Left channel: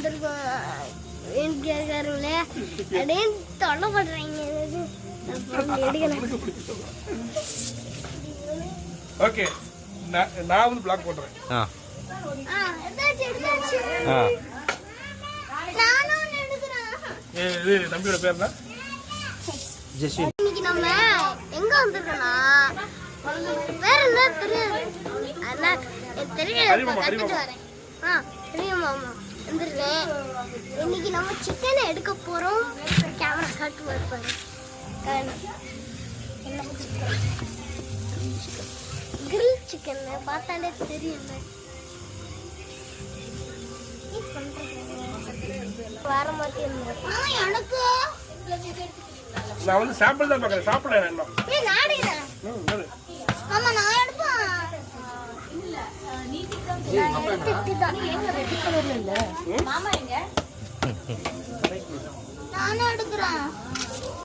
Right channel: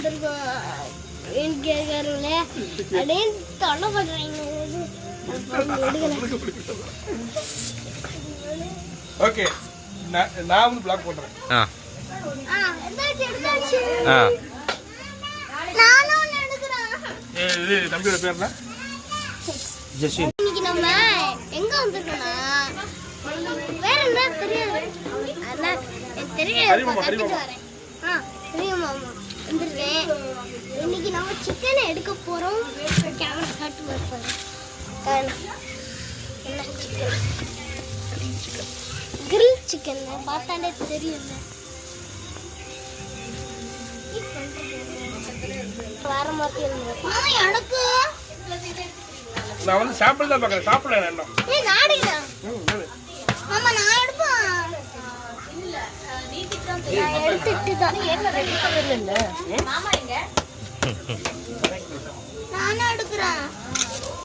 வந்திருக்கோம் கேட்கறவங்களே அப்படின்னு தொல்லை பண்றாங்க. ஓகே நான் வந்து பிளாக் போடுறேன். இது தம்பியோட பேர் என்ன? ஜெஸ்வின். இன்னைக்கு நம்ம எங்க வந்திருக்கோம்னா வேற என்ன தெரியாது. அண்ணா தெரியாது வரேன். தெரியுமா வந்துருக்கேன். இன்னைக்கு நம்ம சிக்கனை எடுக்க போறோம். கேமரா காட்டு பாரு. என்ன சிக்கன்? கிரில் சிக்கன் பார்த்தாலே தெரியும்ல. வர மாதிரி எனக்கு நான் வந்து சாப்பிட தான் பார்க்கறேன். சாப்பிட என்ன? ஏய் நாடிடா. மாமா நான் எடுப்பேன். இல்ல நீ திட்டு தான் ஏங்க ரெடி இல்ல. மாமா எங்க? நான் எடுக்கறேன்.